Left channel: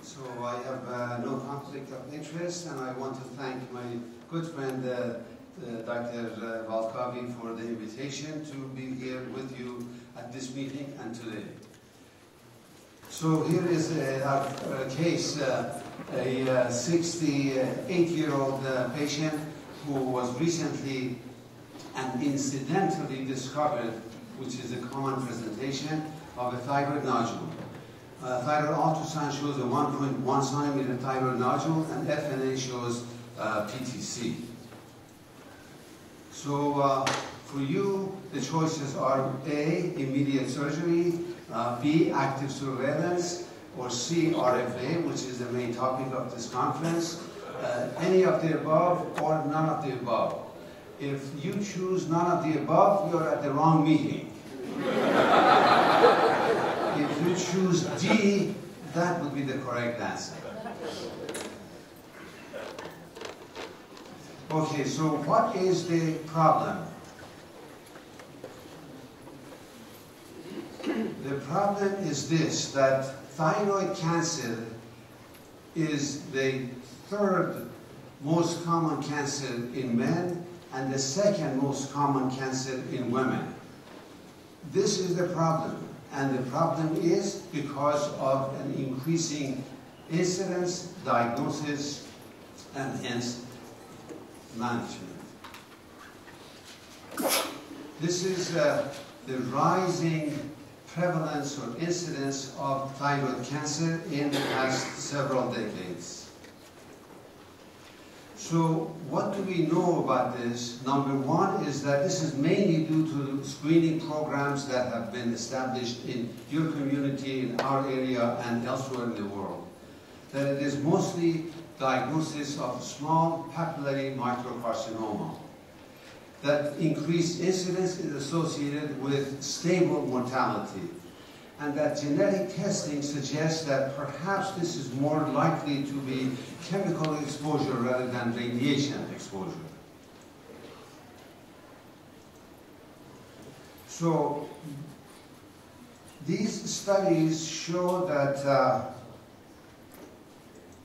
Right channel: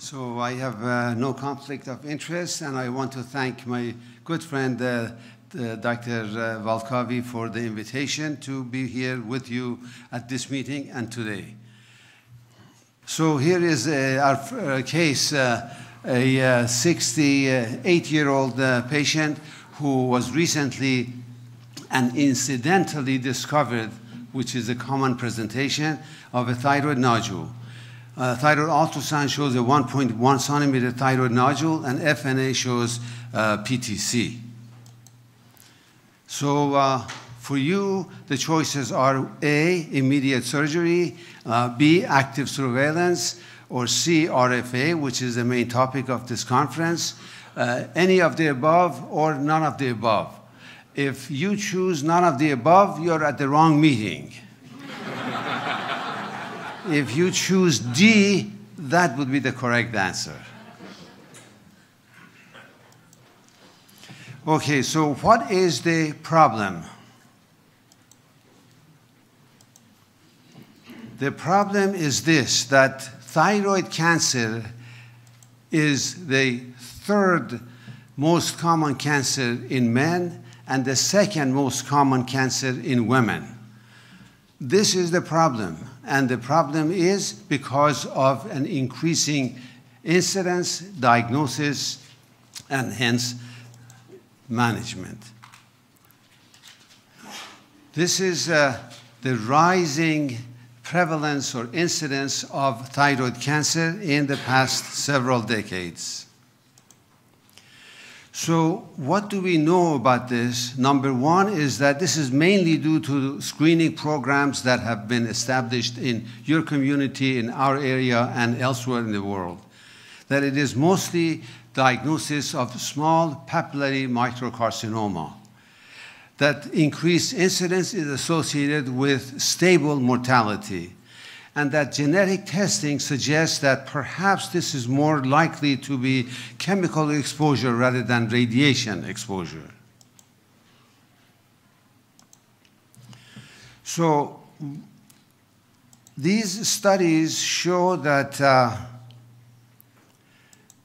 So I have no conflict of interest, and I want to thank my good friend, Dr. Valkavi, for the invitation to be here with you at this meeting and today. So here is our case, a 68-year-old patient who was recently and incidentally discovered, which is a common presentation, of a thyroid nodule. Thyroid ultrasound shows a 1.1 centimeter thyroid nodule, and FNA shows PTC. So for you, the choices are A, immediate surgery, B, active surveillance, or C, RFA, which is the main topic of this conference. Any of the above or none of the above. If you choose none of the above, you're at the wrong meeting. If you choose D, that would be the correct answer. Okay, so what is the problem? The problem is this, that thyroid cancer is the third most common cancer in men and the second most common cancer in women. This is the problem. And the problem is because of an increasing incidence, diagnosis, and hence management. This is the rising prevalence or incidence of thyroid cancer in the past several decades. So what do we know about this? Number one is that this is mainly due to screening programs that have been established in your community, in our area, and elsewhere in the world. That it is mostly diagnosis of small papillary microcarcinoma. That increased incidence is associated with stable mortality. And that genetic testing suggests that perhaps this is more likely to be chemical exposure rather than radiation exposure. So these studies show that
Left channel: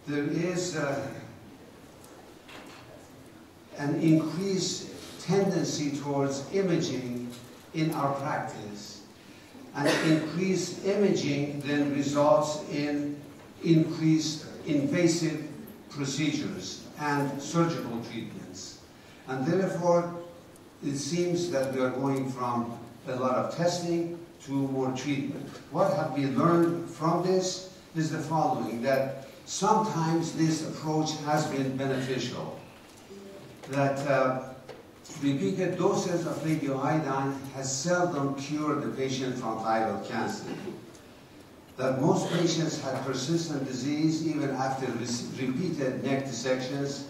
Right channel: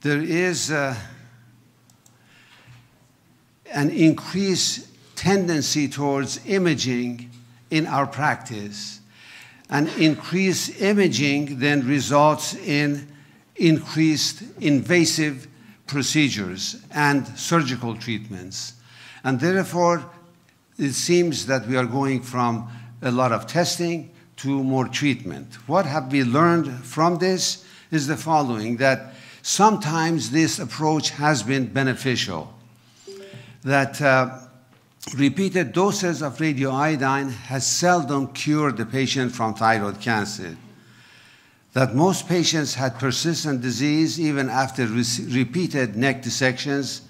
there is an increased tendency towards imaging in our practice. And increased imaging then results in increased invasive procedures and surgical treatments. And therefore, it seems that we are going from a lot of testing to more treatment. What have we learned from this is the following, that sometimes this approach has been beneficial, that repeated doses of radioiodine has seldom cured the patient from thyroid cancer. That most patients had persistent disease even after repeated neck dissections.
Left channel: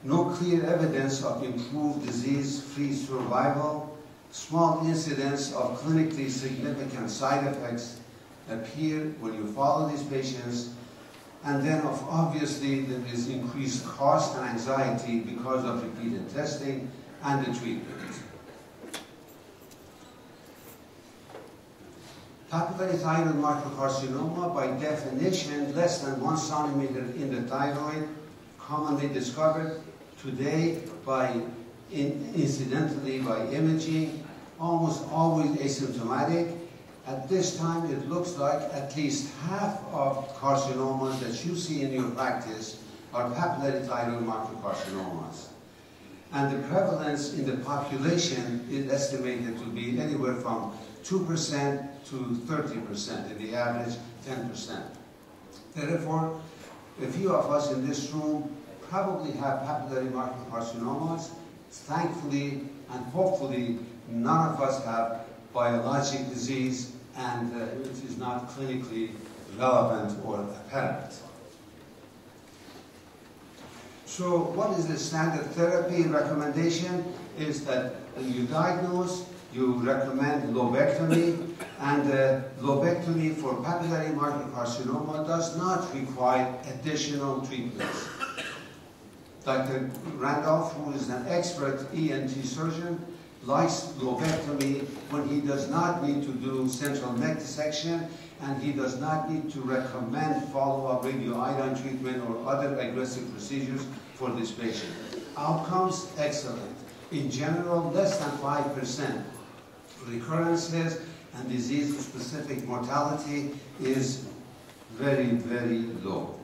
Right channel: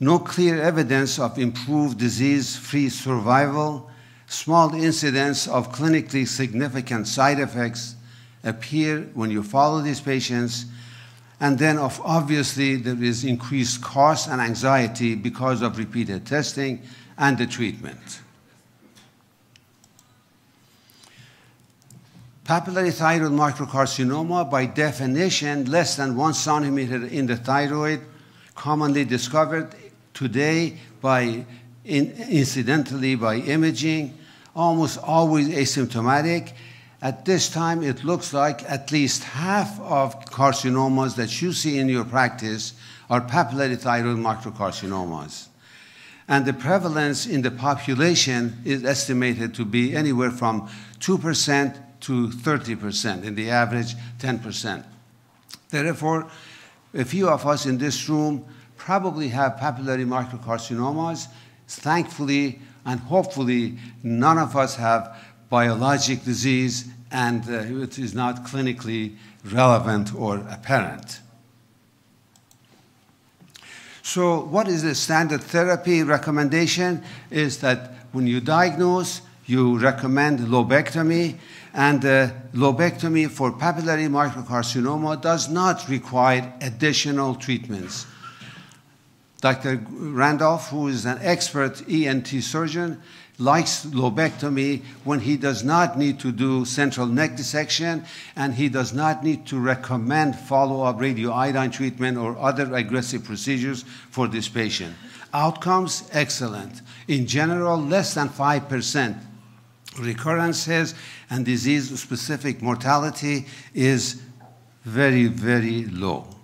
No clear evidence of improved disease-free survival. Small incidence of clinically significant side effects appear when you follow these patients. And then obviously there is increased cost and anxiety because of repeated testing and the treatment. Papillary thyroid microcarcinoma, by definition, less than 1 centimeter in the thyroid, commonly discovered today incidentally by imaging, almost always asymptomatic. At this time, it looks like at least half of carcinomas that you see in your practice are papillary thyroid microcarcinomas. And the prevalence in the population is estimated to be anywhere from 2% to 30%, in the average 10%. Therefore, a few of us in this room probably have papillary microcarcinomas. Thankfully and hopefully, none of us have biologic disease, and it is not clinically relevant or apparent. So what is the standard therapy recommendation? Is that when you diagnose, you recommend lobectomy, and lobectomy for papillary microcarcinoma does not require additional treatments. Dr. Randolph, who is an expert ENT surgeon, likes lobectomy when he does not need to do central neck dissection, and he does not need to recommend follow-up radioiodine treatment or other aggressive procedures for this patient. Outcomes, excellent. In general, less than 5% recurrences, and disease-specific mortality is very, very low.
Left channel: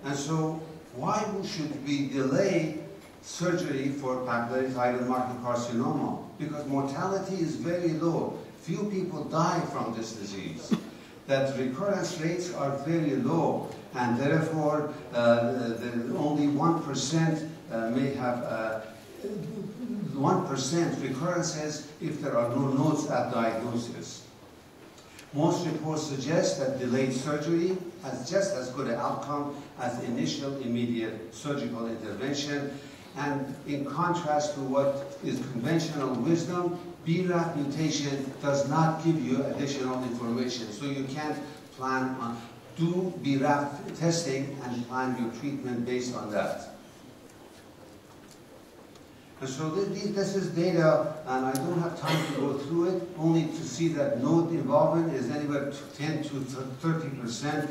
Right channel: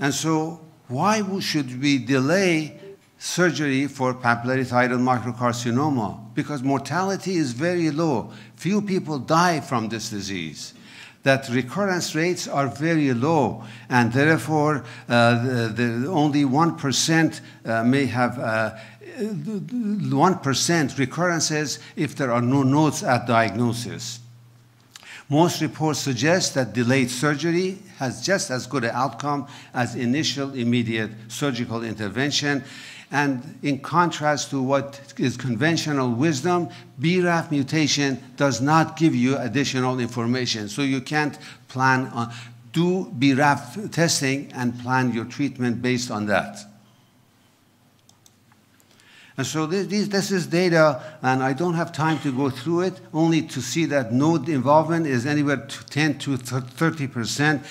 And so why should we delay surgery for papillary thyroid microcarcinoma? Because mortality is very low. Few people die from this disease. That recurrence rates are very low, and therefore only 1% may have 1% recurrences if there are no nodes at diagnosis. Most reports suggest that delayed surgery has just as good an outcome as initial immediate surgical intervention. And in contrast to what is conventional wisdom, BRAF mutation does not give you additional information. So you can't plan on, do BRAF testing and plan your treatment based on that. And so this is data, and I don't have time to go through it, only to see that node involvement is anywhere to 10 to 30%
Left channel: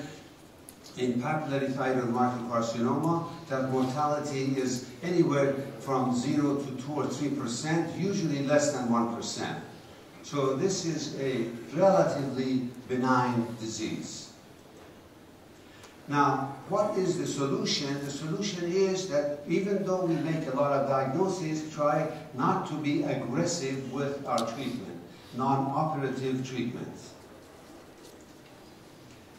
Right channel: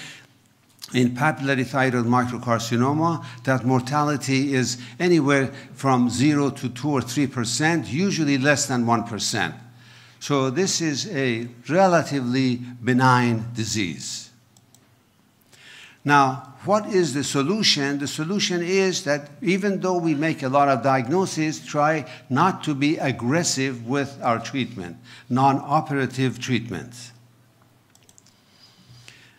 in papillary thyroid microcarcinoma. That mortality is anywhere from 0 to 2 or 3%, usually less than 1%. So this is a relatively benign disease. Now, what is the solution? The solution is that even though we make a lot of diagnoses, try not to be aggressive with our treatment, non-operative treatments.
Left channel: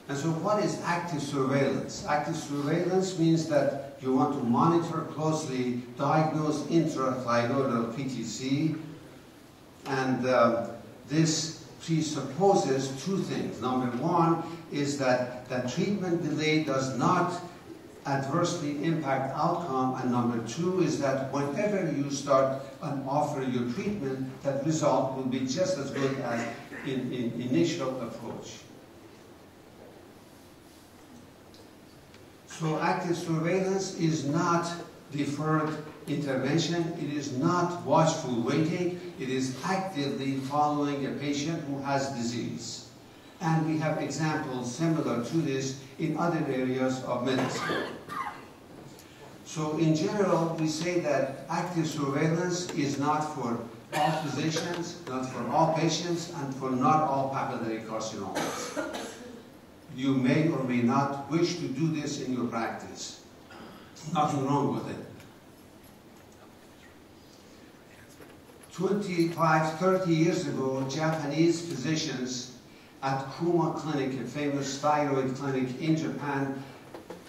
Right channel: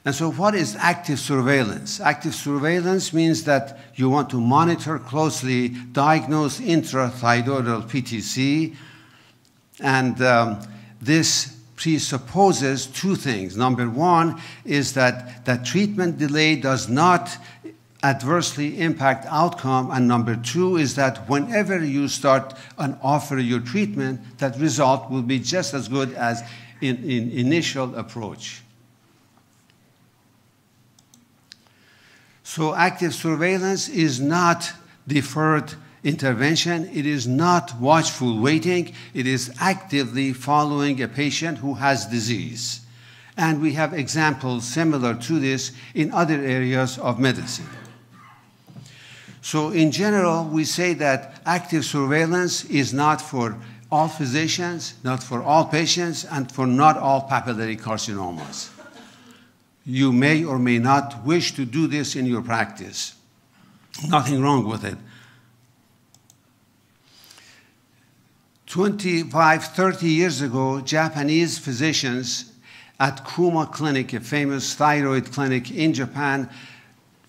And so what is active surveillance? Active surveillance means that you want to monitor closely, diagnose intrathyroidal PTC, and this presupposes two things. Number one is that treatment delay does not adversely impact outcome, and number two is that whenever you start and offer your treatment, that result will be just as good as in initial approach. So active surveillance is not deferred intervention. It is not watchful waiting. It is actively following a patient who has disease. And we have examples similar to this in other areas of medicine. So in general, we say that active surveillance is not for all physicians, not for all patients, and for not all papillary carcinomas. You may or may not wish to do this in your practice. Nothing wrong with it. 25, 30 years ago, Japanese physicians at Kuma Clinic, a famous thyroid clinic in Japan,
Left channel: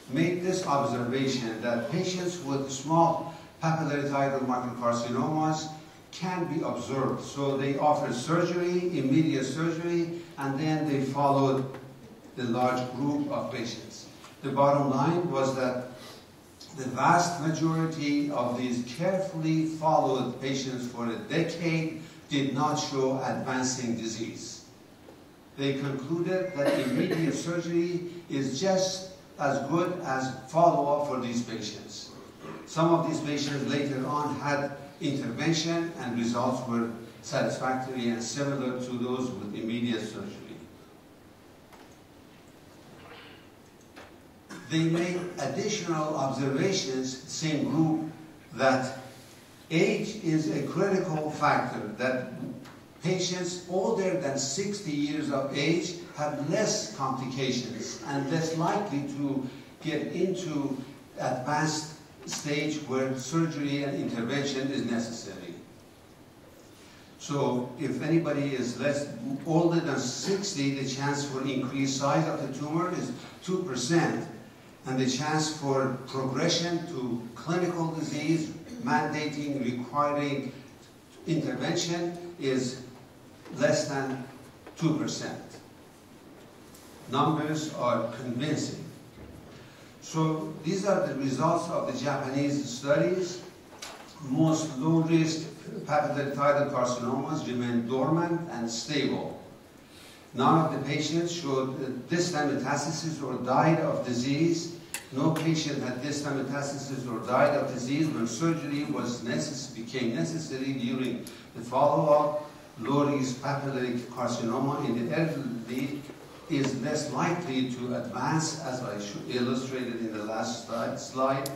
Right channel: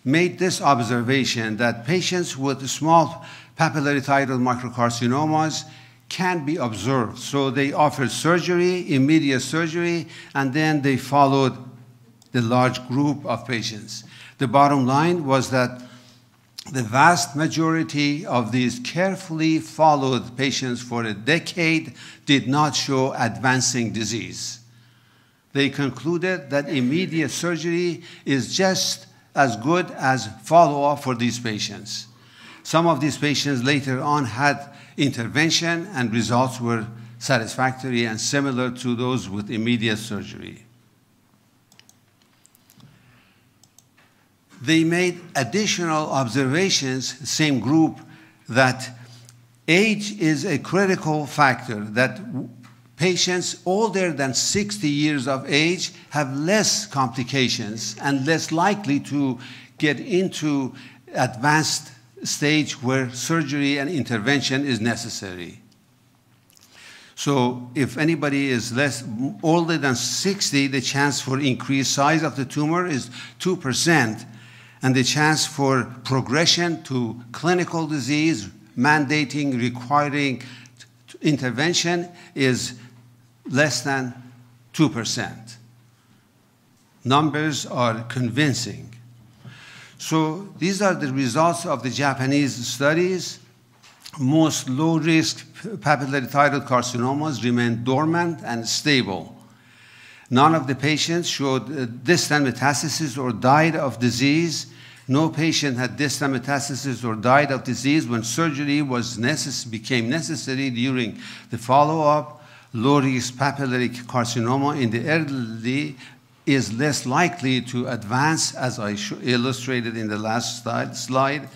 made this observation that patients with small papillary thyroid microcarcinomas can be observed. So they offered surgery, immediate surgery, and then they followed the large group of patients. The bottom line was that the vast majority of these carefully followed patients for a decade did not show advancing disease. They concluded that immediate surgery is just as good as follow-up for these patients. Some of these patients later on had intervention, and results were satisfactory and similar to those with immediate surgery. They made additional observations, same group, that age is a critical factor, that patients older than 60 years of age have less complications and less likely to get into advanced stage where surgery and intervention is necessary. So if anybody is older than 60, the chance for increased size of the tumor is 2%. And the chance for progression to clinical disease, mandating, requiring intervention is less than 2%. Numbers are convincing. So these are the results of the Japanese studies. Most low-risk papillary thyroid carcinomas remain dormant and stable. None of the patients showed distant metastasis or died of disease, No patient had distant metastasis or died of disease when surgery became necessary during the follow-up. Low-risk papillary carcinoma in the elderly is less likely to advance, as I illustrated in the last slide.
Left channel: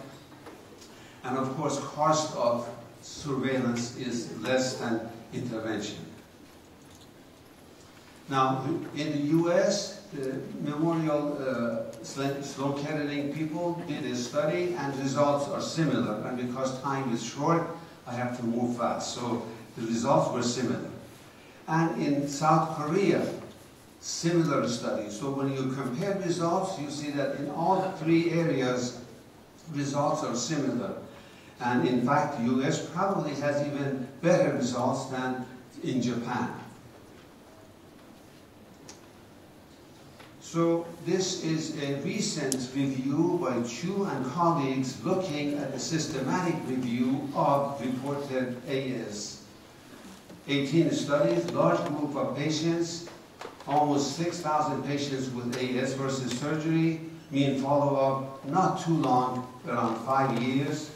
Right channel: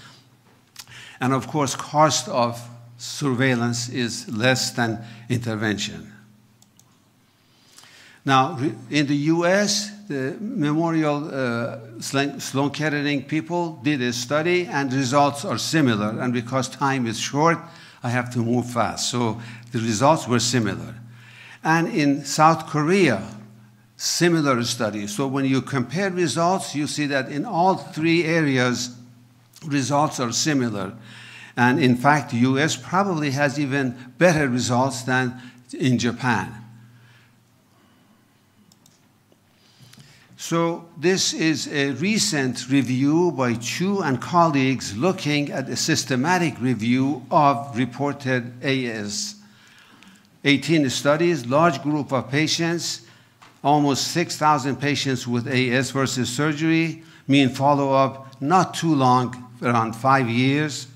And of course, cost of surveillance is less than intervention. Now, in the US, the Memorial Sloan Kettering people did a study, and results are similar. And because time is short, I have to move fast. So the results were similar. And in South Korea, similar studies. So when you compare results, you see that in all three areas, results are similar. And in fact, the US probably has even better results than in Japan. So this is a recent review by Chu and colleagues looking at a systematic review of reported AS. 18 studies, large group of patients, almost 6,000 patients with AS versus surgery, mean follow-up not too long, around 5 years.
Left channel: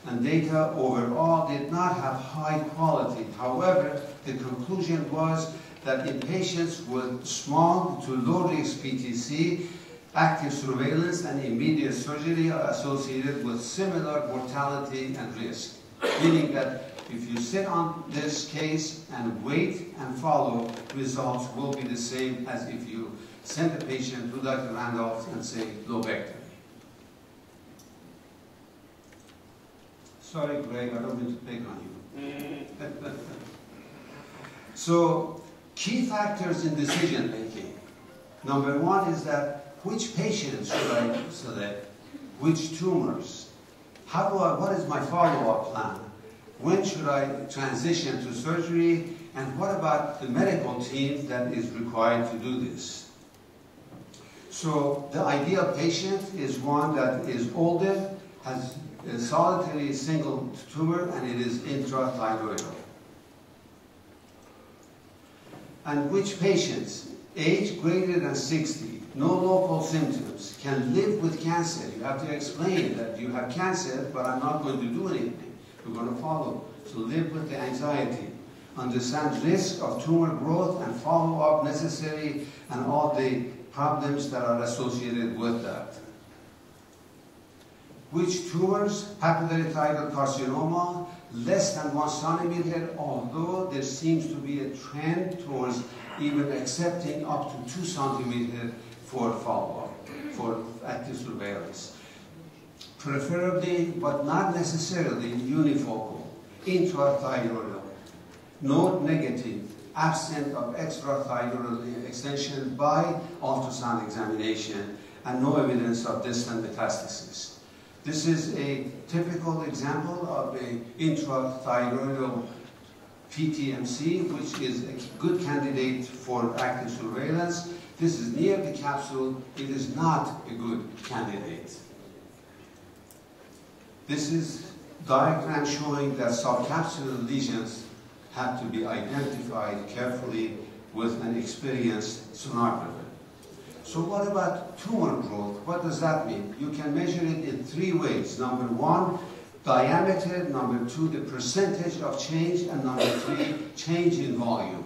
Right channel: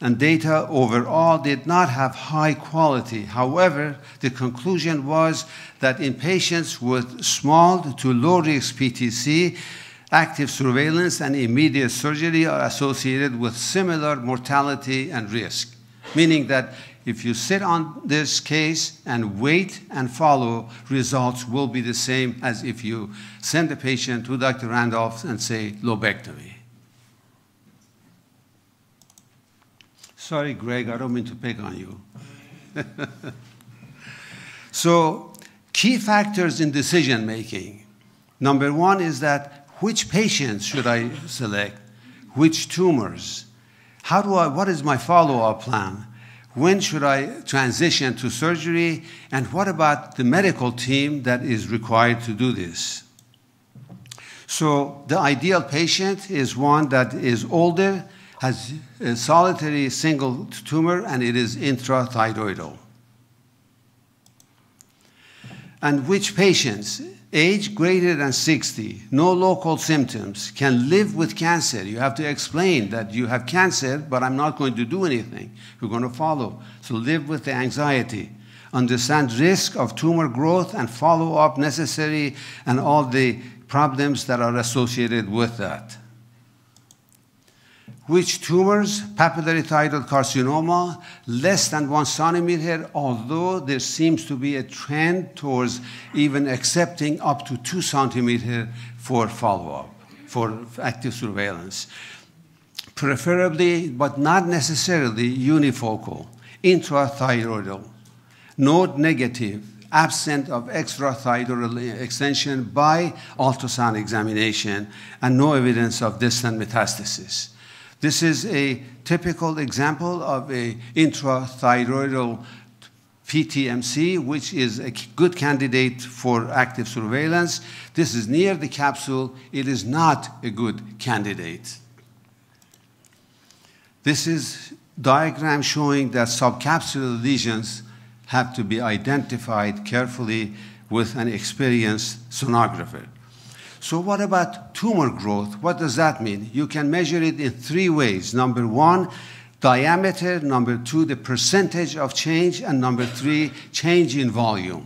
And data overall did not have high quality. However, the conclusion was that in patients with small to low-risk PTC, active surveillance and immediate surgery are associated with similar mortality and risk, meaning that if you sit on this case and wait and follow, results will be the same as if you send the patient to Dr. Randolph and say lobectomy. Sorry, Greg, I don't mean to pick on you. So, key factors in decision making. Number one is that which patients should I select? Which tumors? What is my follow-up plan? When should I transition to surgery? And what about the medical team that is required to do this? So the ideal patient is one that is older, has a solitary single tumor, and it is intrathyroidal. And which patients? Age greater than 60, no local symptoms, can live with cancer. You have to explain that you have cancer, but I'm not going to do anything. We're going to follow. So live with the anxiety. Understand risk of tumor growth and follow-up necessary and all the problems that are associated with that. Which tumors? Papillary thyroid carcinoma, less than 1 centimeter, although there seems to be a trend towards even accepting up to 2 centimeters for follow-up, for active surveillance. Preferably, but not necessarily, unifocal, intrathyroidal, node negative, absent of extrathyroidal extension by ultrasound examination, and no evidence of distant metastasis. This is a typical example of an intrathyroidal PTMC, which is a good candidate for active surveillance. This is near the capsule. It is not a good candidate. This is a diagram showing that subcapsular lesions have to be identified carefully with an experienced sonographer. So what about tumor growth? What does that mean? You can measure it in 3 ways. Number 1, diameter. Number 2, the percentage of change. And number 3, change in volume.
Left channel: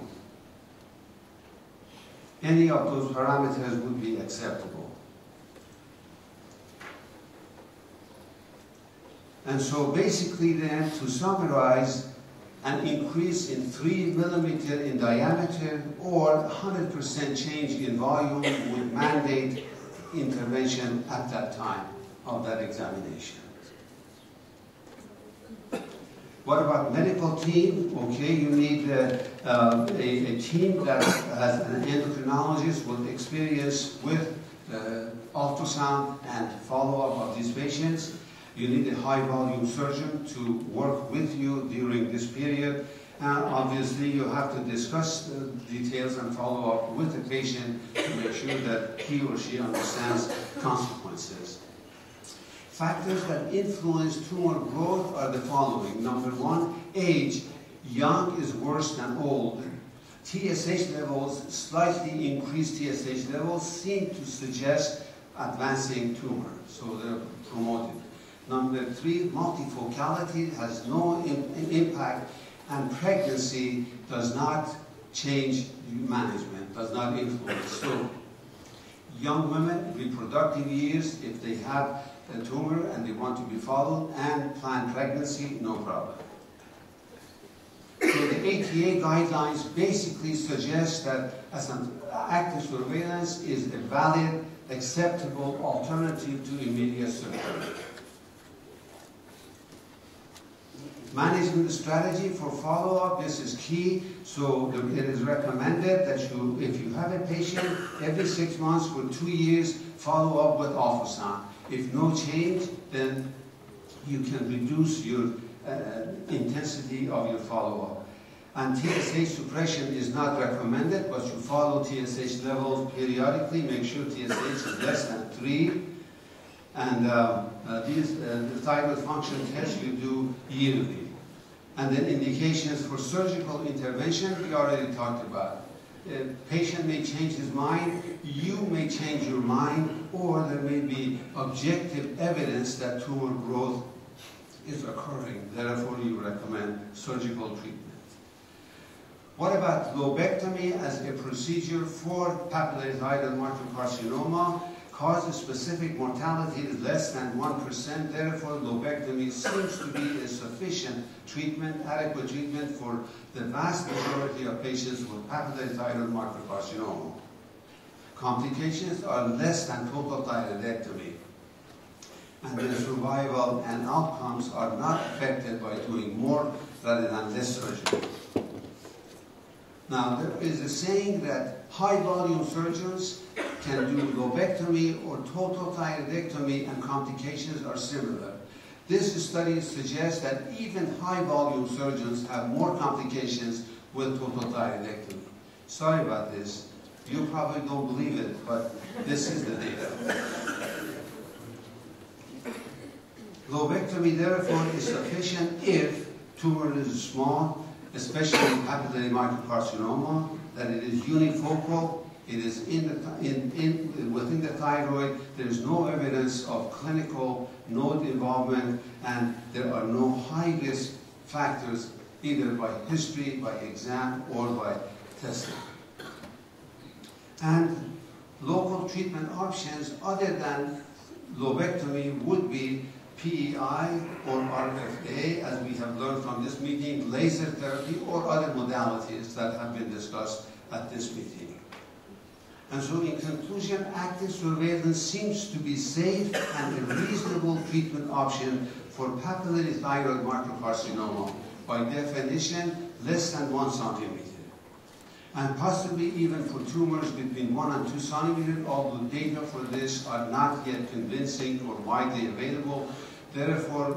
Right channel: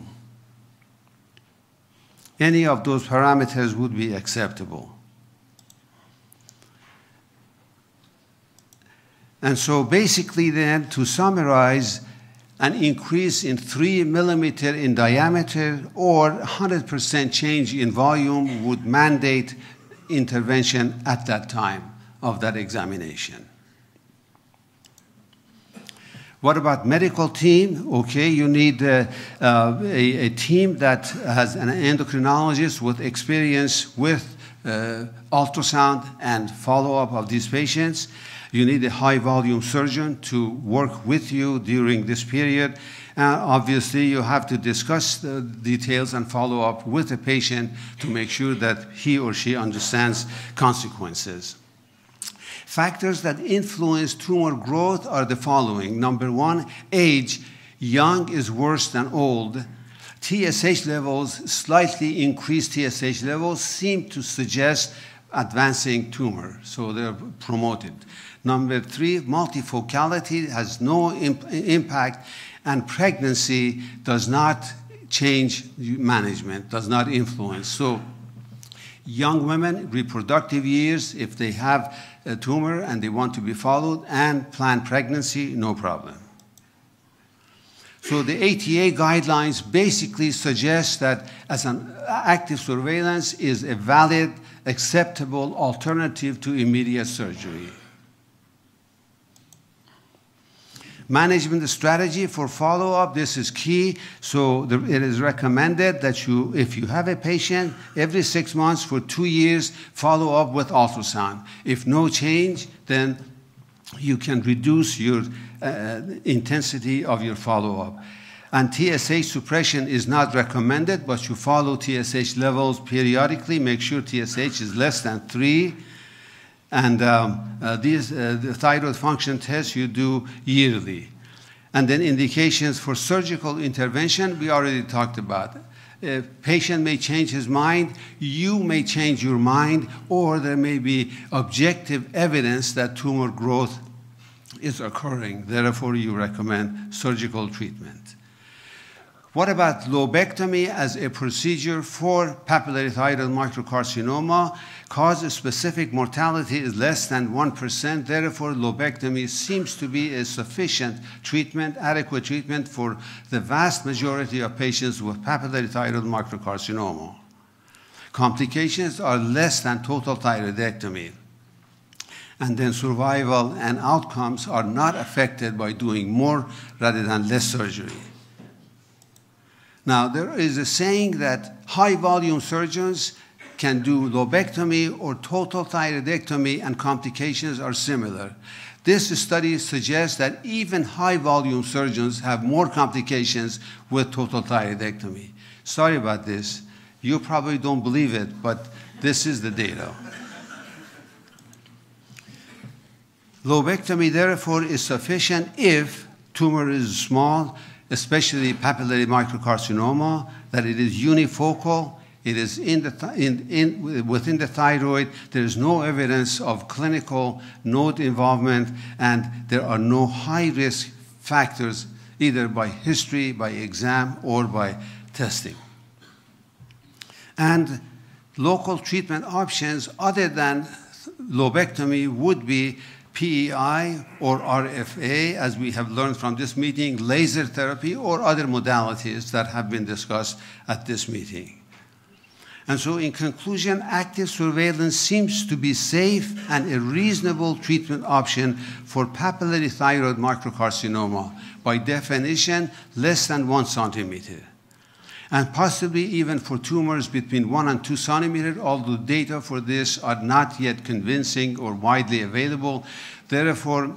Any of those parameters would be acceptable. And so basically then, to summarize, an increase in 3 millimeter in diameter or 100% change in volume would mandate intervention at that time of that examination. What about medical team? Okay, you need a team that has an endocrinologist with experience with ultrasound and follow-up of these patients. You need a high-volume surgeon to work with you during this period. Obviously, you have to discuss the details and follow up with the patient to make sure that he or she understands consequences. Factors that influence tumor growth are the following. Number 1, age. Young is worse than old. TSH levels, slightly increased TSH levels, seem to suggest advancing tumor, so they're promoted. Number 3, multifocality has no impact, and pregnancy does not change management, does not influence. So young women, reproductive years, if they have a tumor and they want to be followed and plan pregnancy, no problem. So the ATA guidelines basically suggest that as an active surveillance is a valid, acceptable alternative to immediate surgery. Management strategy for follow-up, this is key. So it is recommended that if you have a patient, every 6 months for 2 years, follow up with ultrasound. If no change, then you can reduce your intensity of your follow-up. And TSH suppression is not recommended, but you follow TSH levels periodically. Make sure TSH is less than 3. And the thyroid function tests you do yearly. And then indications for surgical intervention, we already talked about. A patient may change his mind, you may change your mind, or there may be objective evidence that tumor growth is occurring. Therefore, you recommend surgical treatment. What about lobectomy as a procedure for papillary thyroid microcarcinoma? Cause-specific mortality is less than 1%. Therefore, lobectomy seems to be a sufficient treatment, adequate treatment for the vast majority of patients with papillary thyroid microcarcinoma. Complications are less than total thyroidectomy. And then survival and outcomes are not affected by doing more rather than less surgery. Now, there is a saying that high-volume surgeons can do lobectomy or total thyroidectomy, and complications are similar. This study suggests that even high-volume surgeons have more complications with total thyroidectomy. Sorry about this. You probably don't believe it, but this is the data. Lobectomy, therefore, is sufficient if tumor is small, especially papillary microcarcinoma, that it is unifocal, it is within the thyroid, there is no evidence of clinical node involvement, and there are no high-risk factors either by history, by exam, or by testing. And local treatment options other than lobectomy would be PEI or RFA, as we have learned from this meeting, laser therapy, or other modalities that have been discussed at this meeting. And so in conclusion, active surveillance seems to be safe and a reasonable treatment option for papillary thyroid microcarcinoma, by definition, less than 1 centimeter. And possibly even for tumors between 1 and 2 centimeters, although data for this are not yet convincing or widely available. Therefore,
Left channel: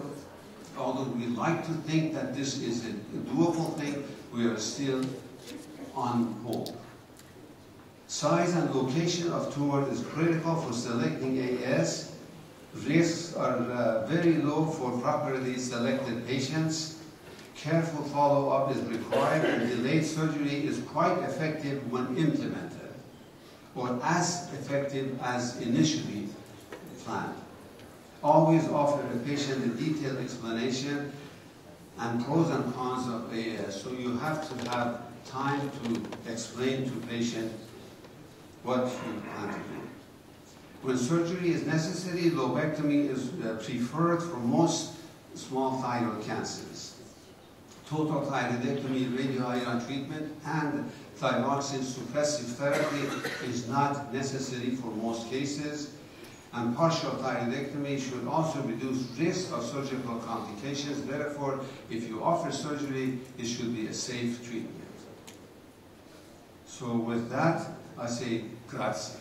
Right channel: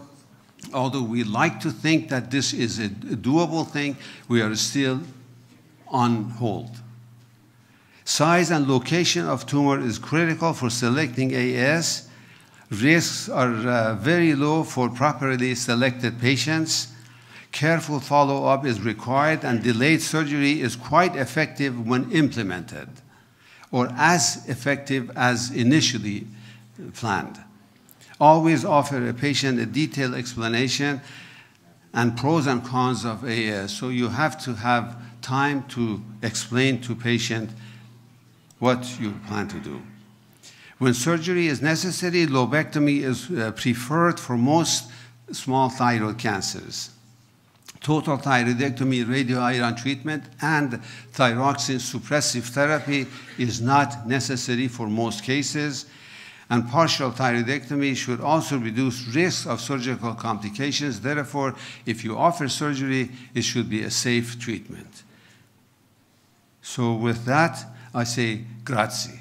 although we like to think that this is a doable thing, we are still on hold. Size and location of tumor is critical for selecting AS. Risks are very low for properly selected patients. Careful follow-up is required, and delayed surgery is quite effective when implemented, or as effective as initially planned. Always offer a patient a detailed explanation and pros and cons of AS. So you have to have time to explain to patient what you plan to do. When surgery is necessary, lobectomy is preferred for most small thyroid cancers. Total thyroidectomy, radioiodine treatment, and thyroxine suppressive therapy is not necessary for most cases. And partial thyroidectomy should also reduce risk of surgical complications. Therefore, if you offer surgery, it should be a safe treatment. So with that, I say grazie.